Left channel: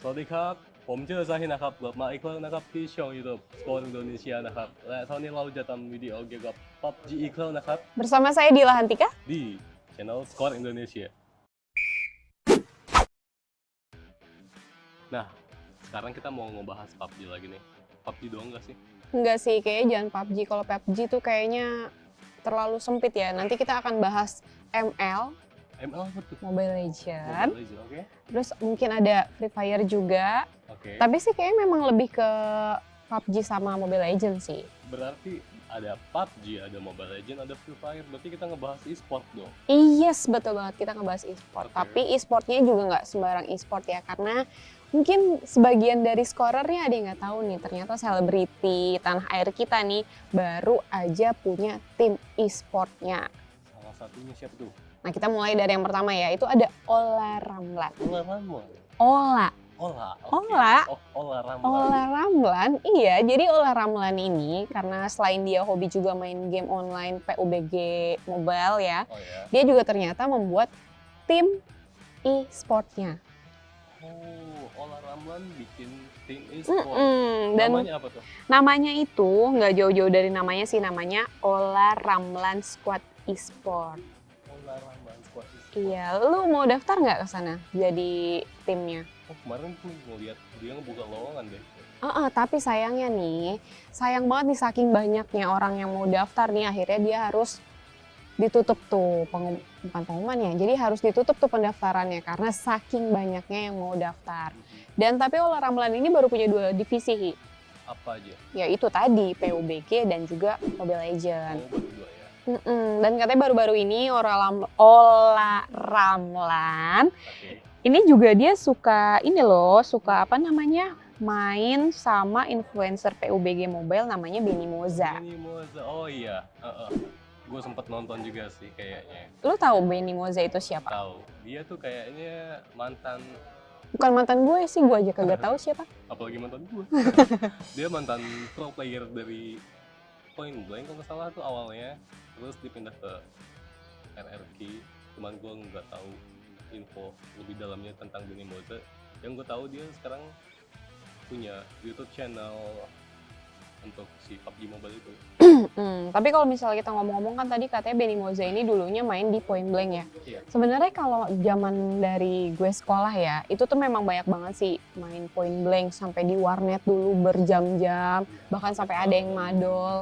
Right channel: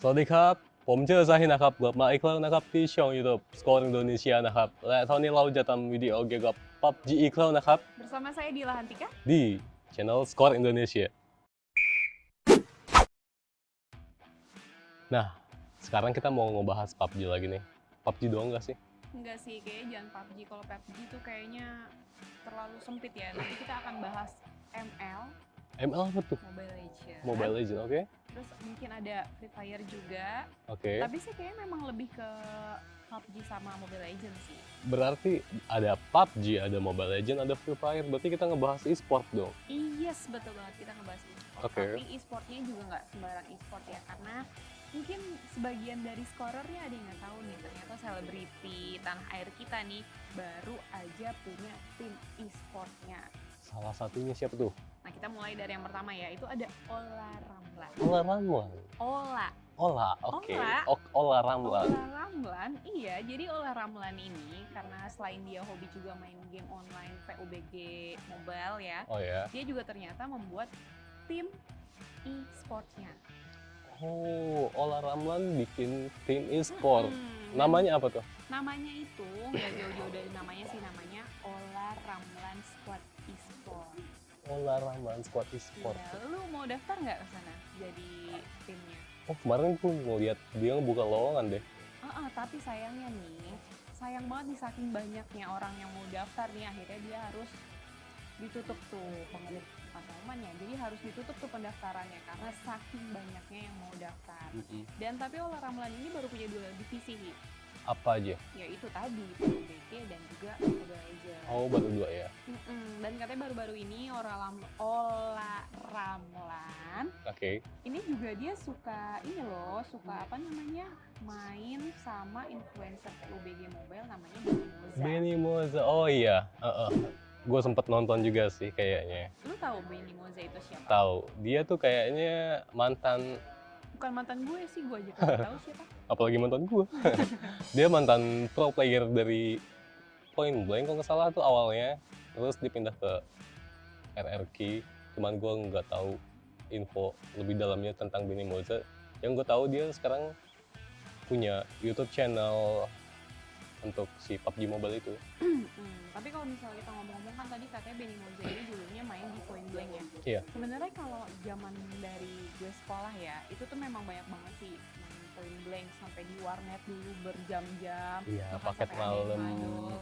สวัสดีครับผมชื่อซาฮินะครับกลับมาอีกครั้งนะครับที่ช่อง YouTube Score Indonesia นะครับและเท่านี้เราจะทำวิดีโอเกี่ยวกับ PUBG อีกครั้งนะครับ Bersama saya Dila Hantika. di channel Score Indonesia. Nah, sekarang kita mau ngebahas PUBG lagi nih. PUBG doang nggak sih? Enggak sih, kayaknya jangan PUBG. Kalau PUBG tuh kayaknya terlalu sempit ya. Nanti kita akan bahas ML, ML apa tuh? Mobile Legends. Mobile Legends, oke? Terus mungkin ada Free Fire juga. Oke. Tapi sih kayaknya memang lebih ke PUBG sama Mobile Legends sih. Berarti ada PUBG, ada Mobile Legends, ada Free Fire. Berarti kita ngebahas e-sport dong. Yes, betul banget, kita ngebahas e-sport. Oke. Tapi e-sportnya juga nggak sembarang e-sport ya, karena mungkin sebagian dari scorernya ada yang nggak tahu nih, ternyata selebriti tanah air kita nih baru aja punya tim e-sportnya. Salah satunya siapa tuh? Nah, kita mulai dari yang pertama ya, itu ada Ola Ramlan. Ola Ramlan. Ola. Ola, oke. Ola. Ola Ramlan. Ola Ramlan, iya. Jadi Ola Ramlan ini karena selain dia hobi juga main game online PUBG Mobile ya, Oh ya. dia juga ternyata membuat tim e-sportnya. Oh, Ola Ramlan bikin tim e-sport. Dan Namanya apa tuh? namanya itu nggak jauh-jauh dari namanya sih, namanya Ola Ramlan Squad e-sport. Ola Ramlan Squad e-sport. Iya, lu mau daftar nggak ke sana jadi timnya? Oh, kemarin gue mau lihat dia buka lowongan deh. Tapi sayangnya nih, sayang banget nih saking banyaknya orang yang mau daftar nih, akhirnya dia harus ditutup tuh, bukan pengumuman ya, jadi harus ditutup tuh pendaftarannya karena saking banyaknya yang mau daftar. Dan tapi Ola Ramlan ini baru punya 2 divisi, Hi. Apa aja? Yaitu tadi PUBG dan juga Mobile Legends. Oh, baru 2 ya. Dan katanya baru-baru ini Ola Ramlan Oke. ini juga dia suka ini loh, suka apa namanya, main sama influencer PUBG Mobile namanya Benny Moza. Benny Moza. Oh iya. Gue sempet nonton juga sih kayaknya. Lu tahu Benny Moza itu siapa? Tahu. Dia tuh kayaknya mantan, Bukan mantan gue sih, gue aja kagak tahu siapa. apalagi mantan gue. Dia mantan pro player dari Point Blank kalau nggak salah tuh awalnya. Terus dipindah ke RRQ. Cuman gue nggak tahu info lebih dalamnya tentang Benny Moza. Yang gue tahu dia sekarang punya YouTube channel untuk si PUBG Mobile itu. Tapi kalau misalnya kita ngomong-ngomong kan tadi katanya Benny Moza ini dulunya main di Point Blank ya. Iya. Sebenarnya kalau zaman dari gue sekolah ya, itu tuh memang banyak banget sih main Point Blank sampai di warnet dulu berjam-jam, Iya, bahkan pakai sampai ada yang malam. madol.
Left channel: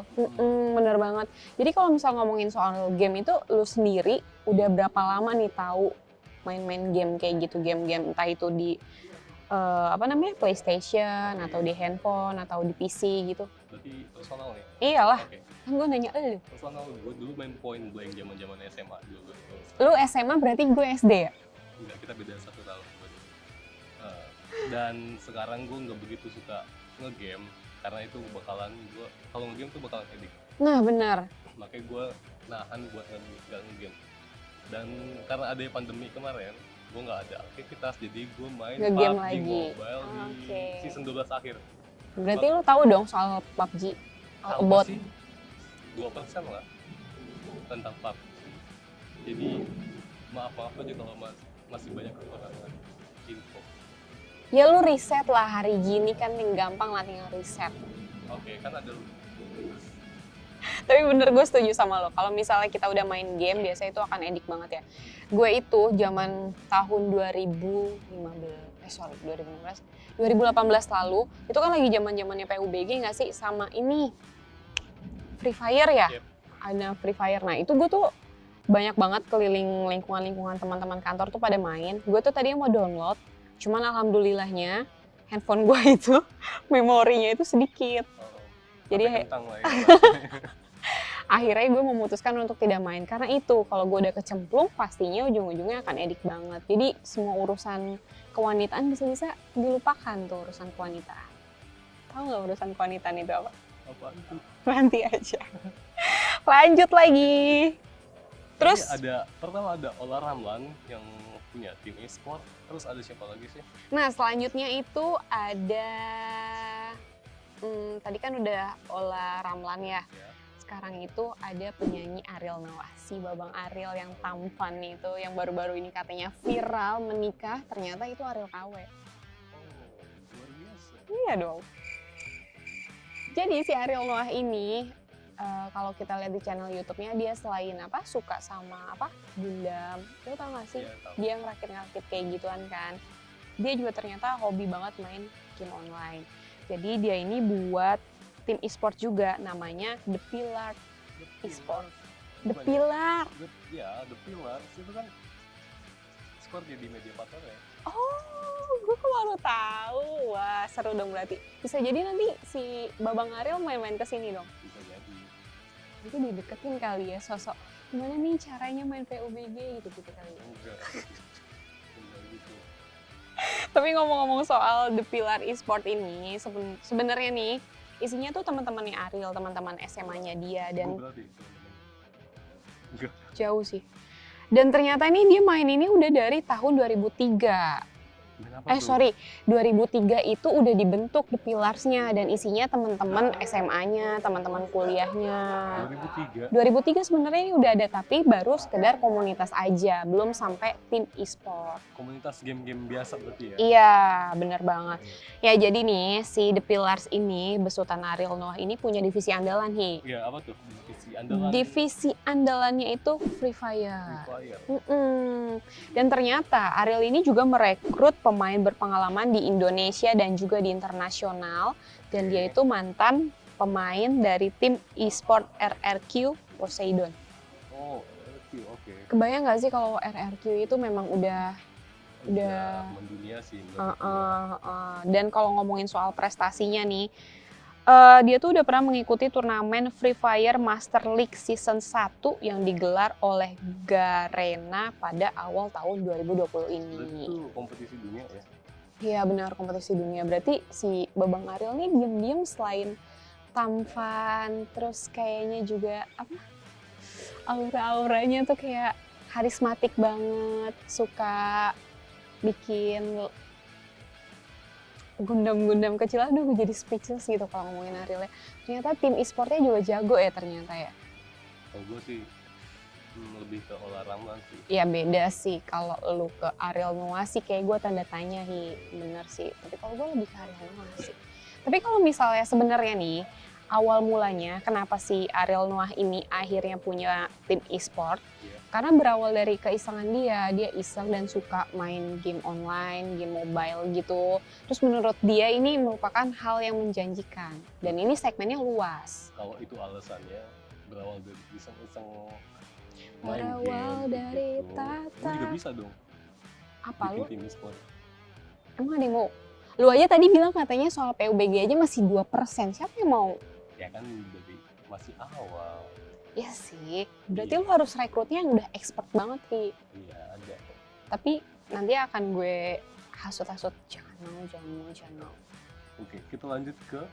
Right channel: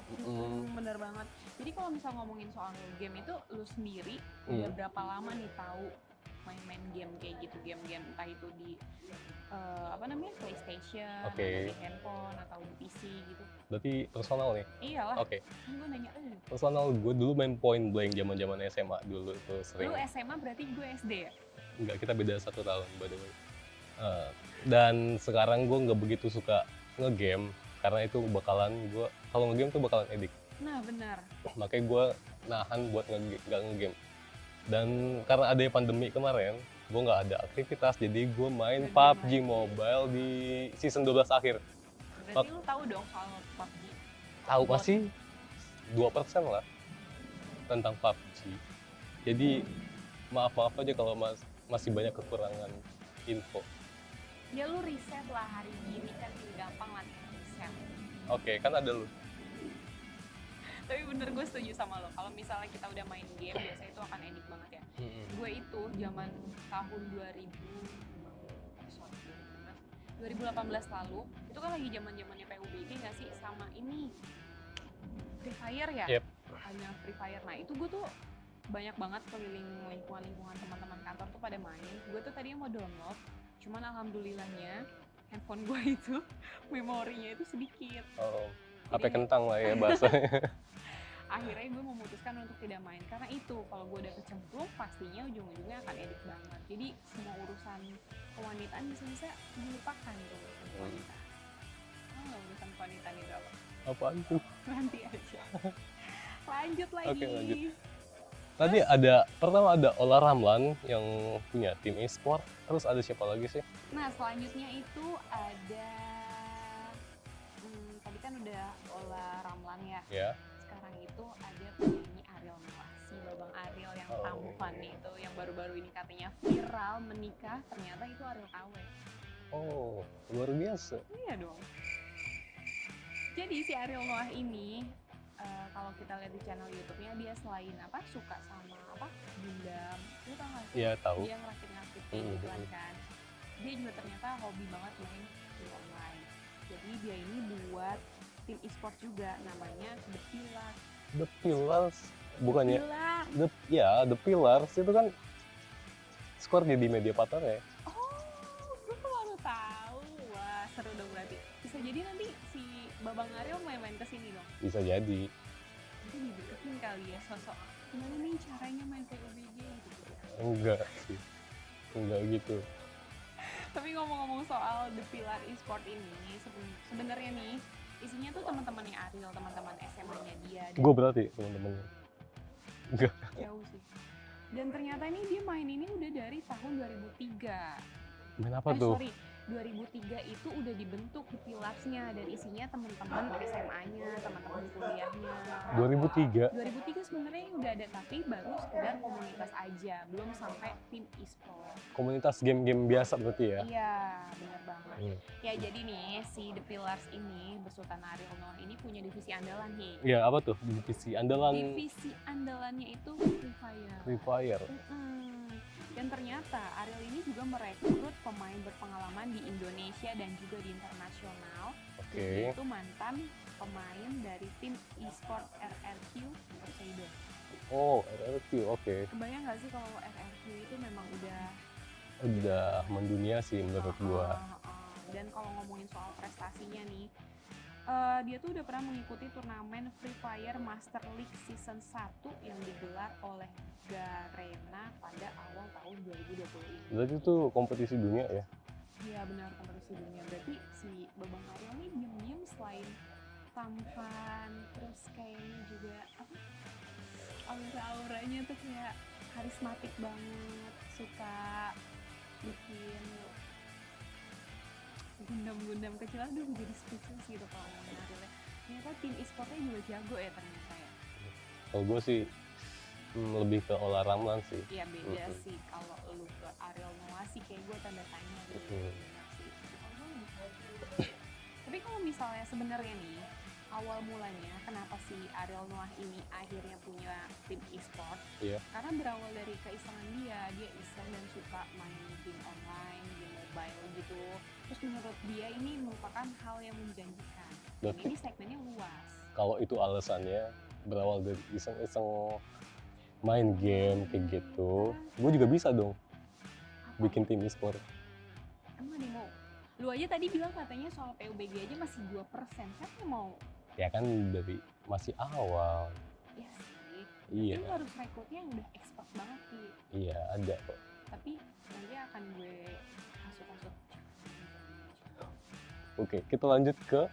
Bener banget. Jadi kalau misal ngomongin soal game itu, lu sendiri udah berapa lama nih tahu main-main game kayak gitu, game-game entah itu di PlayStation, Oke. atau di handphone, atau di PC gitu. Berarti personal nih. Iyalah, Oke. kan gue nanya lu. Personal gue dulu main Point Blank zaman SMA dulu tuh. Lu SMA berarti gue SD ya? Enggak, kita beda 1 tahun by the way. Dan sekarang gue nggak begitu suka ngegame karena itu bakalan gue kalau ngegame tuh bakalan edik. Nah benar. Makanya gue nahan buat nggak ngegame. Dan karena ada pandemi kemarin, gue nggak ada aktivitas, jadi gue main Nge-game PUBG lagi. Mobile di Oke. season 12 akhir. Berarti lu tahu dong soal PUBG? Tahu About masih 2% lah tentang PUBG. Jadi maaf aja kalau masih banyak kekurangan info. ya lu riset lah, hari gini kan yang gampang lah tinggal riset. Oke, kan ada lu. Tapi bener, gue setuju sama lo. Kalau misalnya kita udah main game, biasanya itu akan edik banget ya. Gue itu zaman tahun 2018 lalu, itu kan lagi zaman-zamannya PUBG nggak sih, sama ini Free Fire ya? Yep. Ada Free Fire. Nah itu gue tuh banyak banget keliling lingkungan teman-teman kantor tuh pada main. Gue tuh tadinya mau download, cuman alhamdulillahnya handphone gue itu memorinya itu sedikit. Oh, Jadi HP kentang lah ya bahasanya. akhirnya gue memutuskan untuk tidak main karena itu kalau gue udah kecemplung pastinya ujung-ujungnya akan edik banget. Jadi semua urusan kewanitaan bisa-bisa dilupakan tuh, urusan kewanita. Tahu nggak urusan kewanitaan itu apa? Apaan tuh? Nanti aja. Lanjut lagi. Tadi Terus? pertama ada Ola Ramlan yang punya tim e-sport. Terus ada siapa lagi sih? Nah selanjutnya itu ada tadi kan udah Ola Ramlan ya. Ya. Sekarang itu ada penyanyi Ariel Noah, si Babang Ariel yang tampan itu, yang baru-baru ini katanya viral menikah, ternyata itu Ariel KW. Oh, luar biasa. Iya dong. Jadi si Ariel Noah ini kalau kita lihat di channel YouTube-nya dia selain apa suka sama apa Gundam, lo tau gak sih? Iya tahu. Dia ngerakit-ngerakit kayak gituan kan. Dia juga ternyata hobi banget main game online. Jadi dia ini buat tim e-sport juga namanya The Pillar. The Pillars. The Bukannya Pillar. The Pillars itu kan Square di media partner ya. Oh, gue kok baru tahu. Wah, seru dong berarti. Bisa jadi nanti si Babang Ariel main-main ke sini dong. Bisa jadi. Itu dideketin kali ya sosok gimana nih caranya main PUBG gitu kali ya. Enggak sih. Enggak gitu. Tapi ngomong-ngomong soal The Pillar Esport ini sebenarnya nih isinya tuh teman-temannya Ariel, teman-teman SMA-nya dia dan Gue berarti teman-temannya. Enggak. jauh sih. Dan ternyata ini dia main ini udah dari tahun 2003. Kenapa tuh? Sorry, 2003 itu udah dibentuk The Pillars-nya dan isinya teman-teman SMA-nya, teman-teman kuliahnya. 2003. 2003 sebenarnya ini udah ada tapi baru sekedar komunitas aja, belum sampai tim e-sport. Komunitas game-game biasa berarti ya? Iya, bener banget. Iya. Ya jadi nih si The Pillars ini besutan Ariel Noah ini punya divisi andalan nih. Iya, apa tuh? Divisi andalan Divisi andalannya itu Free Fire. Free Fire. Dan ternyata Ariel ini juga merekrut pemain berpengalaman di Indonesia dan juga di internasional. Dan dia Oke. itu mantan pemain dari tim e-sport RRQ Poseidon. Oh, RRQ, oke. Kebayang nggak sih kalau RRQ itu memang udah Mendunia sih menurut gua. Dan kalau ngomongin soal prestasinya nih, dia tuh udah pernah mengikuti turnamen Free Fire Master League Season 1 yang digelar oleh Garena pada awal tahun 2020 ini. Berarti itu kompetisi dunia ya? Iya benar, kompetisi dunia. Berarti si Babang Ariel nih diem-diem selain tampan, terus kayaknya juga apa? Aura-auranya tuh kayak karismatik banget, suka bikin gundam-gundam kecil. Aduh gue jadi speechless gitu kalau ngomongin Ariel ya. Ternyata tim e-sportnya juga jago ya ternyata ya. Kalau gue sih lebih ke Ola Ramlan sih. Ya beda sih kalau lu ke Ariel Noah sih kayak gue tanda tanya nih, bener sih. Tapi kalau gue lebih ke Ariel Noah sih. Tapi kalau misalnya sebenarnya nih awal mulanya kenapa si Ariel Noah ini akhirnya punya tim e-sport? Iya. Karena berawal dari keisengan dia iseng dan suka main game online, game mobile gitu. Terus menurut dia ini merupakan hal yang menjanjikan dan ini segmennya luas. Kalau itu alasannya berawal dari iseng-iseng main Berawal game kayak dari gitu, tata. gue juga bisa dong Apa bikin lu? tim e-sport. Emang ada yang mau? Lu aja tadi bilang katanya soal PUBG aja masih 2%. Siapa yang mau? Ya kan dari masih awal. Ya sih, berarti Iya. lu harus rekrutnya yang udah expert banget Ki. Iya ada kok. Tapi nanti akan gue hasut-hasut. Jangan mau. Oke, kita lanjut ke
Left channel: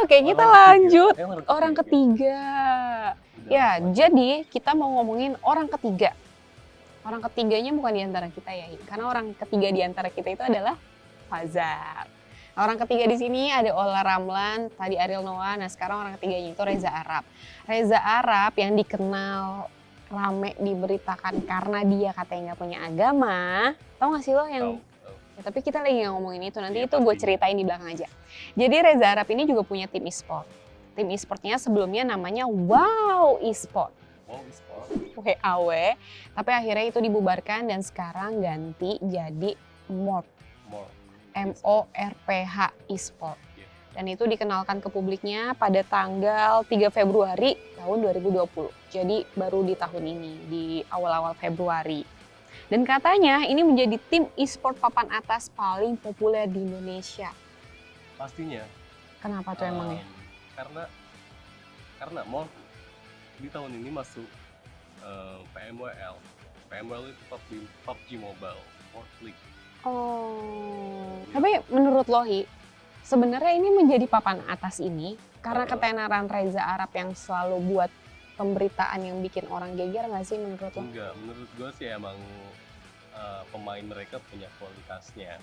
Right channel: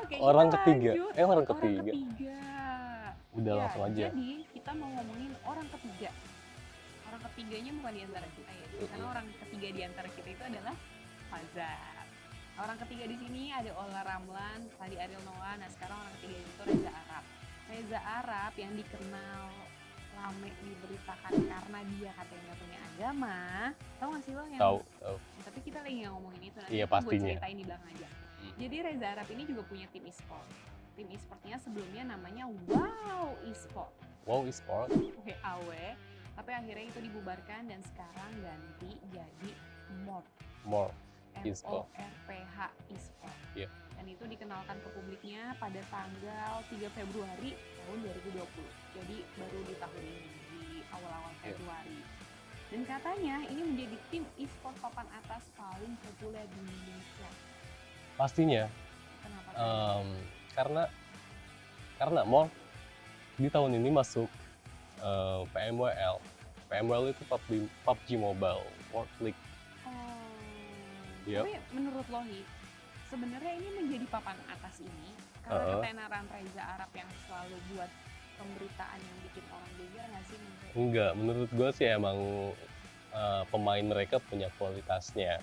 Oke, kita orang ketiga. lanjut. Orang Orang ketiga. Udah, Ya, lanjut. jadi kita mau ngomongin orang ketiga. Orang ketiganya bukan di antara kita ya, karena orang ketiga di antara kita itu adalah Fazar. Orang ketiga di sini ada Ola Ramlan, tadi Ariel Noah, nah sekarang orang ketiganya itu Reza Arab. Reza Arab yang dikenal rame diberitakan karena dia katanya nggak punya agama. Tahu nggak sih lo yang? Tahu. Ya, tapi kita lagi nggak ngomongin itu, nanti Iya, itu gue pastinya. ceritain di belakang aja. Jadi Reza Arab ini juga punya tim e-sport. Tim e-sportnya sebelumnya namanya Wow E-sport. Wow e-sport. WAW, tapi akhirnya itu dibubarkan dan sekarang ganti jadi MORPH, More. MORPH e-sport. Iya. Dan itu dikenalkan ke publiknya pada tanggal 3 Februari tahun 2020. Jadi baru di tahun ini, di awal-awal Februari. Dan katanya ini menjadi tim e-sport papan atas paling populer di Indonesia. Pastinya. Kenapa tuh emangnya? Karena More di tahun ini masuk PMWL. PMWL itu PUBG Mobile World League. Oh, Iya. tapi menurut Lohi, sebenarnya ini menjadi papan atas ini karena ketenaran Reza Arab yang selalu buat pemberitaan yang bikin orang geger nggak sih menurut lo? Enggak, menurut gue sih emang pemain mereka punya kualitasnya.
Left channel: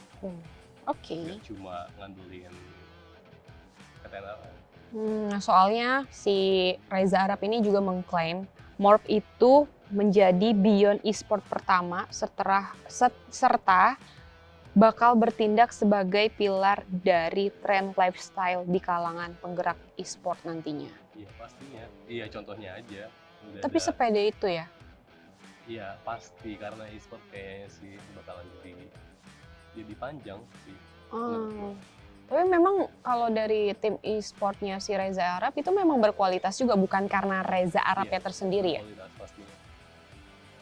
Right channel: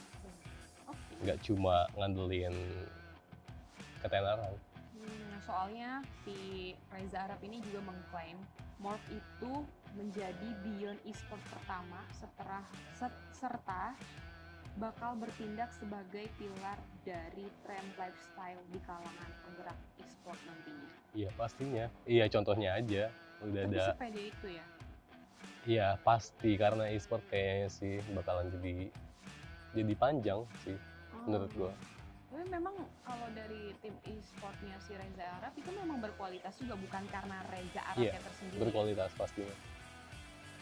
Oke. Nggak cuma ngandelin ketenaran. Soalnya si Reza Arab ini juga mengklaim Morph itu menjadi Beyond Esport pertama serta bakal bertindak sebagai pilar dari tren lifestyle di kalangan penggerak e-sport nantinya. Iya pastinya. Iya contohnya aja. Udah Tapi ada. sepede itu ya? Iya pasti karena e-sport kayaknya sih bakalan jadi panjang sih menurut gua. Tapi memang kalau dari tim e-sportnya si Reza Arab itu memang berkualitas juga, bukan karena Reza Arabnya tersendiri ya? Berkualitas pastinya.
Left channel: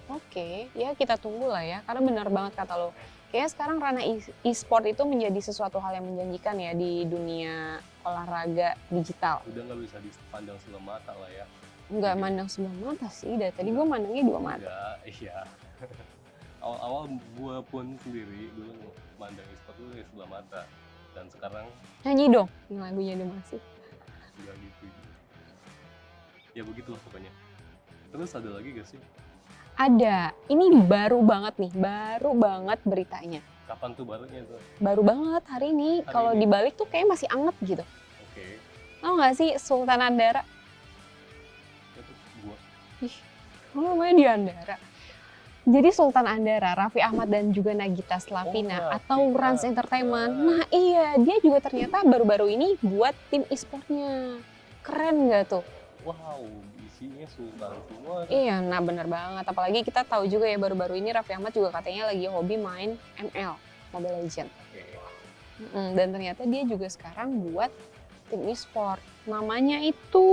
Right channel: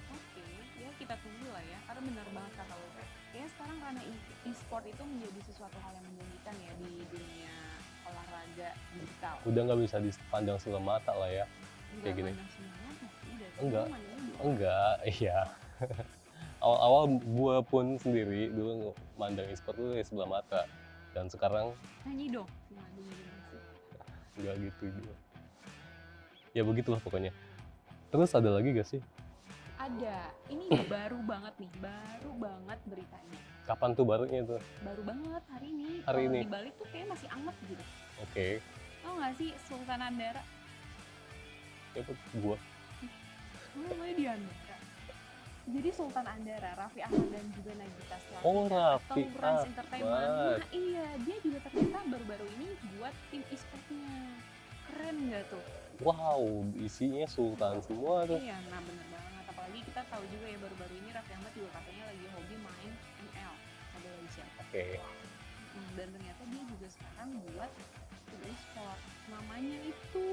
Oke, ya kita tunggu lah ya, karena benar banget kata lo. Kayaknya sekarang ranah e-sport itu menjadi sesuatu hal yang menjanjikan ya di dunia olahraga digital. Udah nggak bisa dipandang sebelah mata lah ya. Nggak Kayak gitu. mandang sebelah mata sih, dari tadi Enggak. gue mandangnya dua mata. Enggak, iya. Awal-awal gue pun sendiri dulu mandang e-sport itu ya sebelah mata. Dan sekarang Nyanyi dong, yang lagunya dia masih. nggak gitu juga. Ya begitulah pokoknya. Terus ada lagi gak sih? Ada, ini baru banget nih, baru banget beritanya. Kapan tuh barunya tuh? Baru banget hari ini, Hari kalau ini? dibalik tuh kayak masih anget gitu. Oke. Tau gak sih Sultan Andara? Itu gua. Oh, namanya di Andara. Jadi Sultan Andara, Raffi Ahmad dan juga Nagita Slavina Oh, atau Raffi Rans Ahmad. Entertainment. Nah iya, dia juga ternyata baru-baru ini buat tim e-sportnya. Keren gak tuh? Wow, isinya sultan semua nih. Iya, nah bener banget. Apalagi kita tahu juga ya baru-baru ini Raffi Ahmad juga katanya lagi hobi main ML, Mobile Legends. Oke. Dan ternyata dia juga sekarang buat tim e-sport. Namanya itu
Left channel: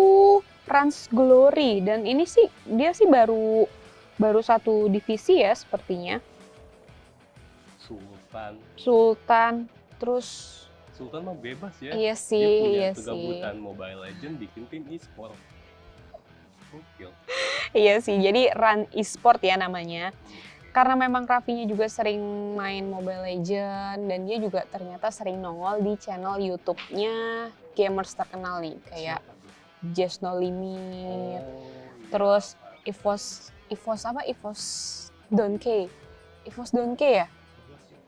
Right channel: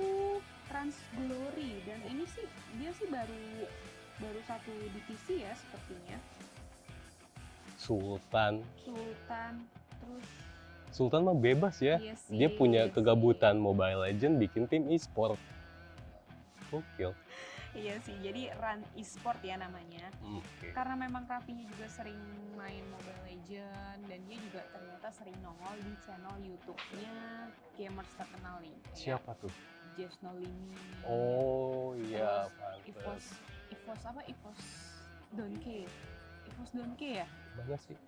Rans Glory dan ini sih dia sih baru satu divisi ya sepertinya. Sultan terus Sultan mah bebas ya. iya sih, Dia punya iya kegabutan Mobile Legends bikin tim e-sport. Gokil. Iya sih, jadi Run e-sport ya namanya. Oke. Karena memang Raffinya juga sering main Mobile Legends dan dia juga ternyata sering nongol di channel YouTube-nya gamers terkenal nih kayak Siapa tuh? Just No Limit, Oh, iya, terus pantes. Evos Donkey. Evos Donkey ya? Bagus sih.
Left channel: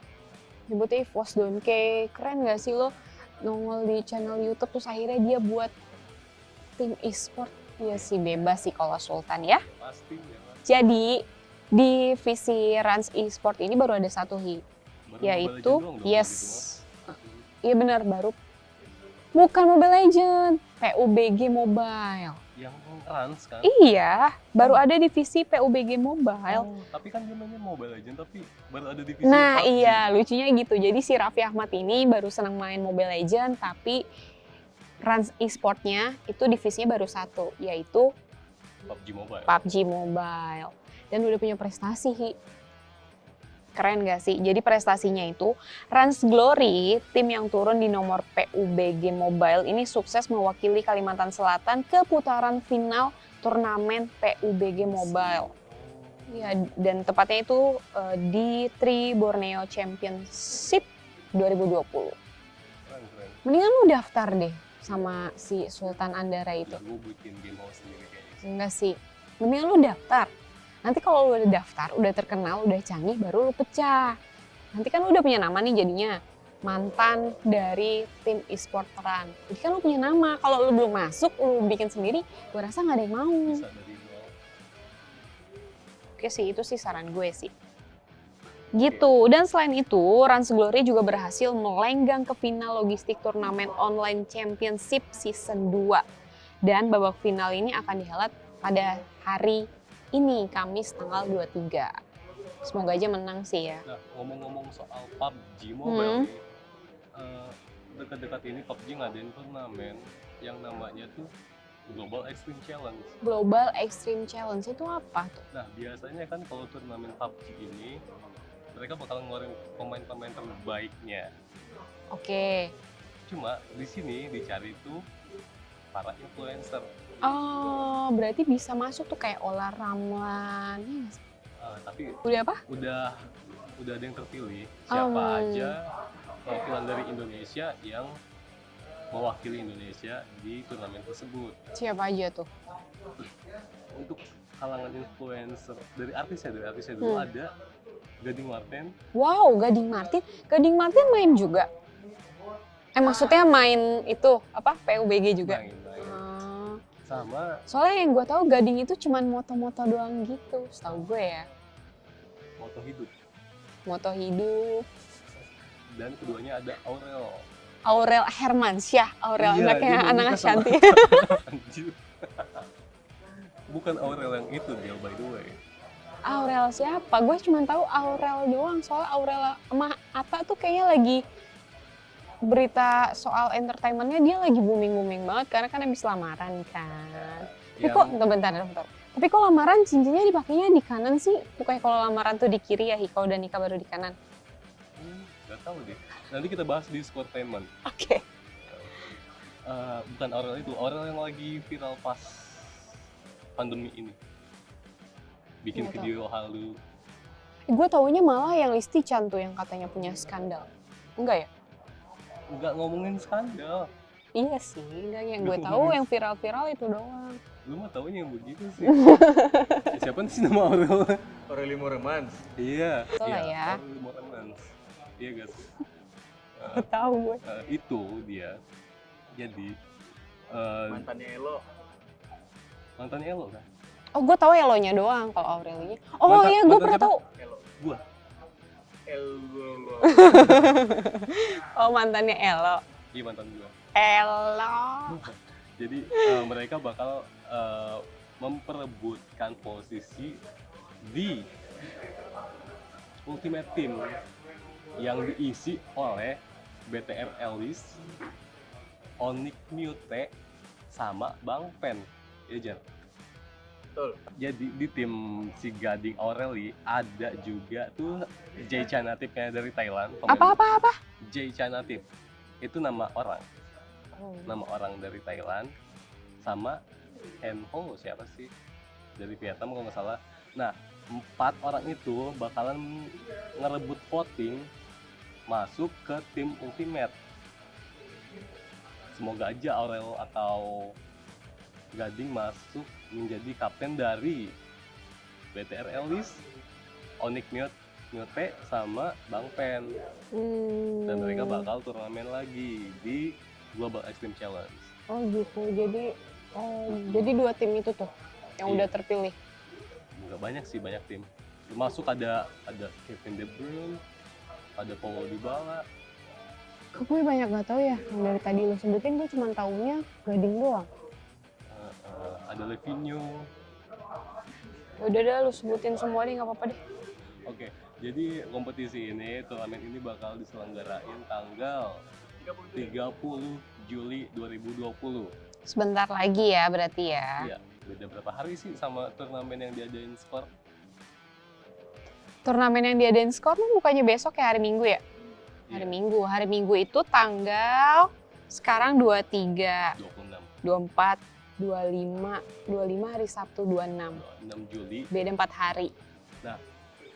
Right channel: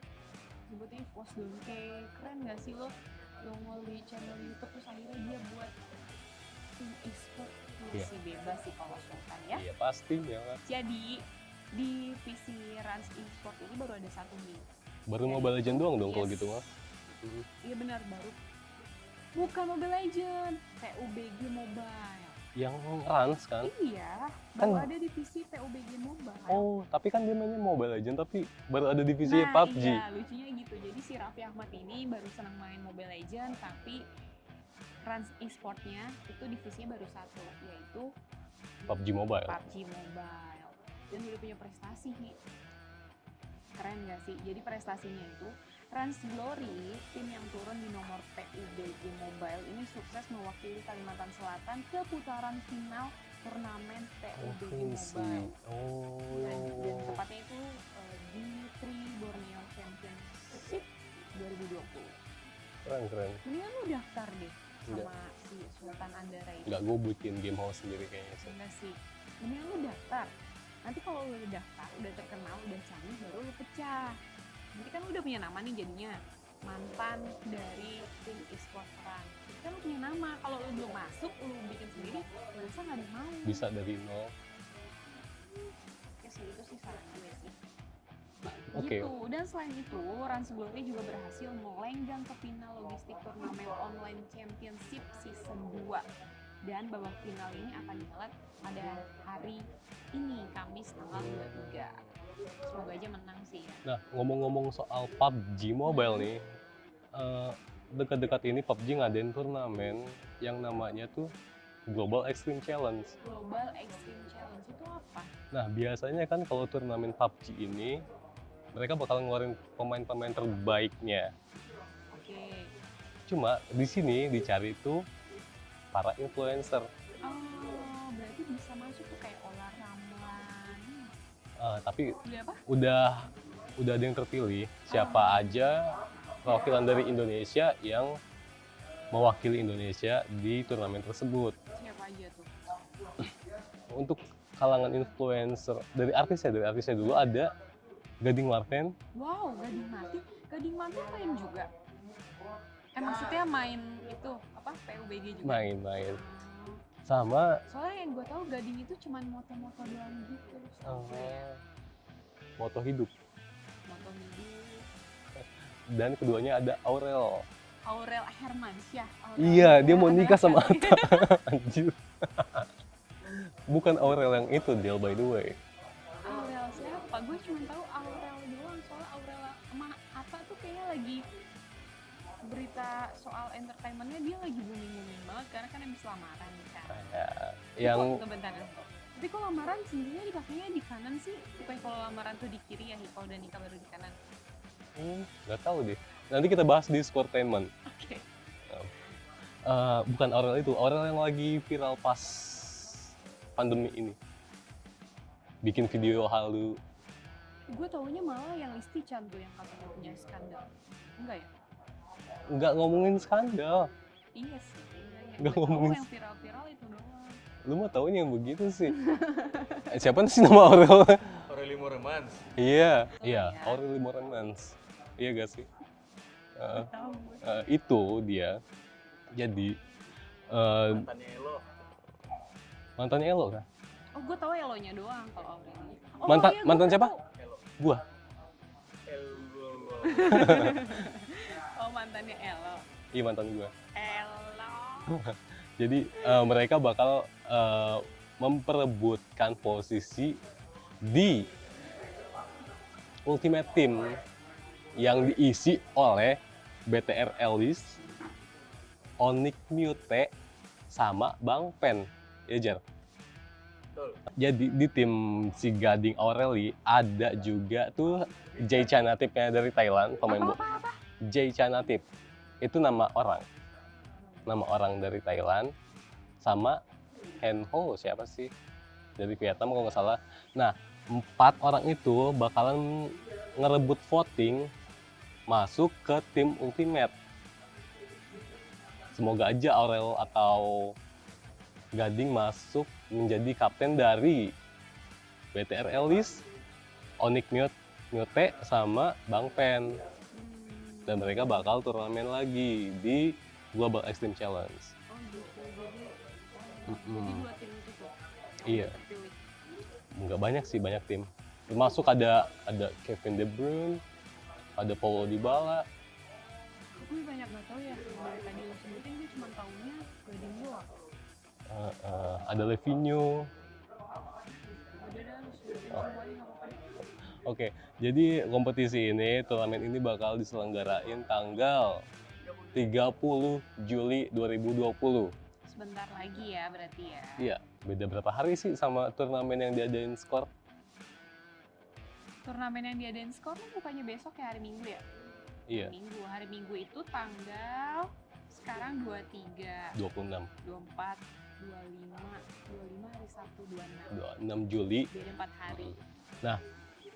Nyebutnya Evos Donkey. Keren gak sih lo nongol di channel YouTube terus akhirnya dia buat tim e-sport? Ya Iya. sih bebas sih kalau Sultan ya. Ya pasti jangan. Jadi divisi Rans e-sport ini baru ada satu Baru Mobile yaitu Legends doang dong kalau gitu mah. Iya benar baru. Bukan Mobile Legends, PUBG Mobile. Yang Rans kan? Iya, baru Oh. ada divisi PUBG Mobile. Oh, tapi kan dia namanya Mobile Legends tapi baru ada divisi Nah PUBG. iya, lucunya gitu. Jadi si Raffi Ahmad ini baru senang main Mobile Legends, tapi Rans e-sportnya itu divisinya baru satu, yaitu PUBG Mobile. PUBG Mobile. Dan udah punya prestasi, Hi. Keren gak sih? Jadi prestasinya itu Rans Glory, tim yang turun di nomor PUBG Mobile ini sukses mewakili Kalimantan Selatan ke putaran final turnamen PUBG Mobile. Oh. Ya, dan tepatnya itu di Tri Borneo Championship 2020. Keren. Mendingan lu daftar deh sama si Sultan Andara itu. Enggak, gue bikin game house sendiri kayaknya. Enggak sih, mendingan lu daftar. Nanti kalau lu udah daftar, udah terkenal, udah canggih, baru lu pecah. Nanti kan lu udah punya nama nih jadinya. Mantan dari tim e-sport Run. Jadi kan lu punya nama. Kalau lu belum masuk, lu bikin sendiri, gue rasa nggak ada yang mau. Bisa dari nol. Oke sih, itu sih saran gue sih. Oke. Gitu. Dan selain itu, Rans Glory juga berhasil melenggang ke final logistik turnamen online championship season 2. Dan babak final ini akan dihelat pada hari ini, Kamis tanggal 23. Semoga aja menang sih ya. Nah, ngomong-ngomong soal PUBG Mobile nih, dekat-dekat ini PUBG ngadain turnamen yang namanya tuh Global Extreme Challenge. Global Extreme Challenge itu apa tuh? Nah, biasanya kan kalau turnamen PUBG ini, mereka bakal ngeluarin pemain-pemain terbaiknya. Oke. Cuma di sini dicari tuh para influencer. Oh, berarti bisa masuk tuh kayak Ola Ramlan. Tapi Udah apa? udah ada yang terpilih siapa aja perwakilan dari Indonesia yang mewakili Indonesia di turnamen tersebut. Siapa aja tuh? Untuk kalangan influencer dari artisnya dulu ada Gading Marten. Wow, Gading Martin. Gading Martin main juga. Maksudnya main itu apa? PUBG juga. Main Ah. sama Soalnya yang gue tahu Gading itu cuman moto-moto doang gitu, setahu gue ya. moto hidup. Moto hidup. dan keduanya ada Aurel. Aurel Hermansyah, Aurel Iya, dia kayak mau anak nikah sama Ashanti. Anjir. Bukan Aurel yang itu, Del, by the way. Aurel siapa? Gue cuma tahu Aurel doang. Soalnya Aurel sama Atta tuh kayaknya lagi berita soal entertainmentnya dia lagi booming banget karena kan habis lamaran kan. Tapi kok bentar. Tapi kok lamaran cincinnya dipakainya di kanan sih? Bukannya kalau lamaran tuh di kiri ya, kalau udah nikah baru di kanan. Nggak tahu deh. Nanti kita bahas di Sportainment. Oke. Bukan Aurel itu, Aurel yang lagi viral pas pandemi ini. Bikin Nggak video halu. Gue taunya malah yang Listi Chan tuh yang katanya punya skandal. Enggak ya? Nggak ngomongin skandal. Iya sih, enggak yang gue tahu yang viral-viral itu doang. Lu mah taunya yang begitu sih. Siapa sih nama Aurel? Aureli Moremans. Iya, Betul iya, ya. Aurel Moremans. Iya gak sih? Gak tahu gue. Itu dia. Jadi Mantannya Elo. mantannya Elo kan? Oh, gue tahu Elonya doang kalau Aurelinya. Oh Mantan- iya, gue mantan pernah siapa? tahu. Elo. Gua. Elo. Oh, mantannya Elo. Iya, mantan gua. Elo. Jadi mereka bakal memperebutkan posisi di Ultimate Team yang diisi oleh BTR Ellis, Onyx Mute, sama Bang Pen. Ya, Jar. Betul. Jadi di tim si Gading Aureli ada juga tuh Jay Chanatip-nya dari Thailand. Apa? Jay Chanatip. Itu nama orang. Nama orang dari Thailand. Sama Hen Ho, siapa sih? Dari Vietnam kalau nggak salah. Nah, 4 orang itu bakalan ngerebut voting masuk ke tim Ultimate. Semoga aja Aurel atau Gading masuk menjadi kapten dari BTR Ellis, Onyx Mute, sama Bang Pen. Dan mereka bakal turnamen lagi di Global Extreme Challenge. Oh gitu, jadi 2 tim itu tuh yang Iya. udah terpilih. Nggak banyak sih, banyak tim. Termasuk ada Kevin De Bruyne, ada Paulo Dybala. Gue banyak gak tahu ya, yang dari tadi lo sebutin gue cuma taunya Gading doang. Ada Levinho. Udah dah lu sebutin semua deh, gak apa-apa deh. Oke, jadi kompetisi ini, turnamen ini bakal diselenggarain tanggal 30 Juli 2020. Sebentar lagi ya berarti ya. Iya, beda berapa hari sih sama turnamen yang diadain Skor? Turnamen yang diadain Skor tuh bukannya besok ya, hari Minggu ya? Hari Iya, Minggu. Hari Minggu itu tanggal sekarang 23, 26, 24, 25 hari Sabtu 26. 26 Juli. Beda 4 hari.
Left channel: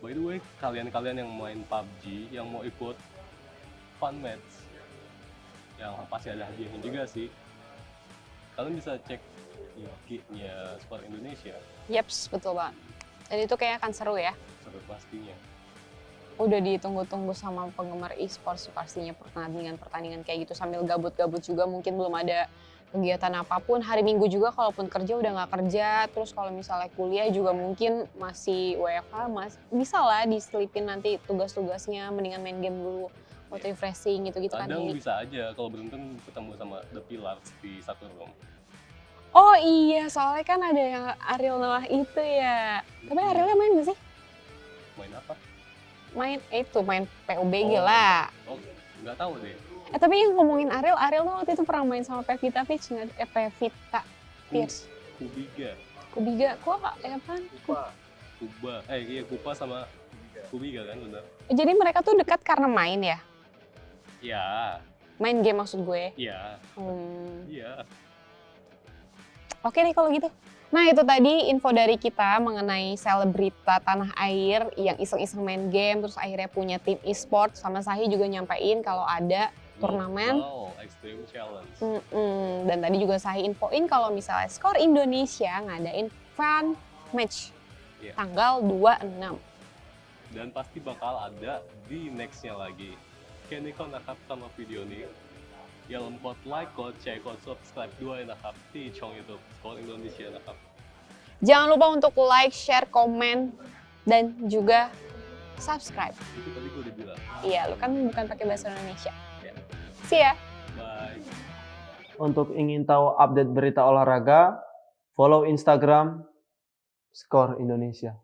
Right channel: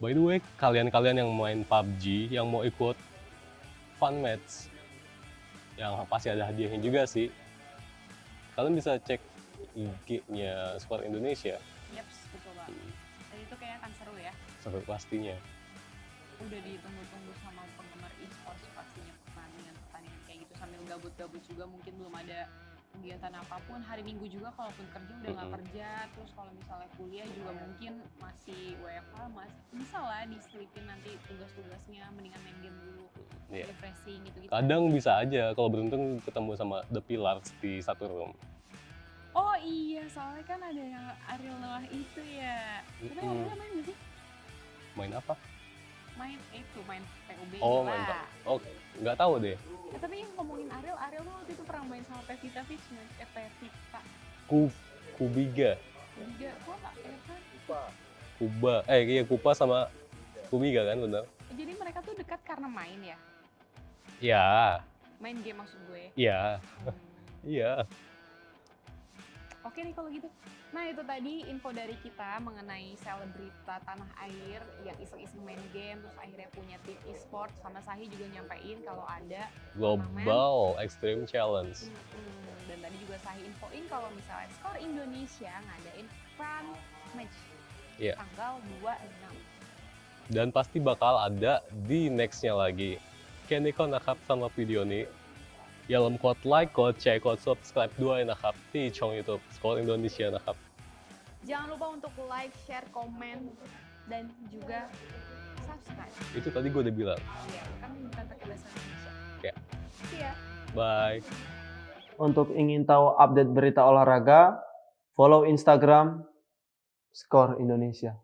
By the way, kalian yang main PUBG, yang mau ikut fun match, yang pasti ada hadiahnya juga sih. Kalian bisa cek IG-nya Skor Indonesia, Yeps, betul banget. Dan itu kayak akan seru ya. seru pastinya. Udah ditunggu-tunggu sama penggemar e-sports sih pastinya, pertandingan kayak gitu sambil gabut-gabut juga, mungkin belum ada kegiatan apapun. Hari Minggu juga kalaupun kerja udah nggak kerja, terus kalau misalnya kuliah juga mungkin masih WFH, bisa lah diselipin nanti tugas-tugasnya, mendingan main game dulu buat Iya. refreshing gitu-gitu kan. Kadang bisa aja kalau beruntung ketemu sama The Pillars di satu room. Oh iya, soalnya kan ada yang Ariel Noah itu ya. Tapi Arielnya main nggak sih? Main apa? Main PUBG Oh. lah. Oke, nggak tahu deh. Tapi yang ngomongin Ariel tuh waktu itu pernah main sama Pevita Peach nggak? Pevita Pierce. Kubiga, Kubiga, kok apaan? Lupa. Kuba, iya Kupa sama Kubiga kan bener? Jadi mereka tuh dekat karena main ya? Iya, Main game maksud gue. iya, Hmm. iya. Oke deh kalau gitu. Nah itu tadi info dari kita mengenai selebrita tanah air yang iseng-iseng main game terus akhirnya punya tim e-sport. Sama Sahi juga nyampein kalau ada turnamen. Global Extreme Challenge. Dan tadi juga Sahi infoin kalau misalnya Skor Indonesia ngadain fun match Iya. tanggal 26. Dan pasti bakal ada di next-nya lagi. Kini kau nakap sama video ini. Dalam code like, code share, code subscribe 2 nakap di channel YouTube Skor Indonesia nakap. Jangan lupa untuk like, share, komen, dan juga subscribe. Itu tadi gue udah bilang. Iya, lu kan bukan pakai bahasa Indonesia. Ya. See ya. Bye. Untuk ingin tahu update berita olahraga, follow Instagram Skor Indonesia.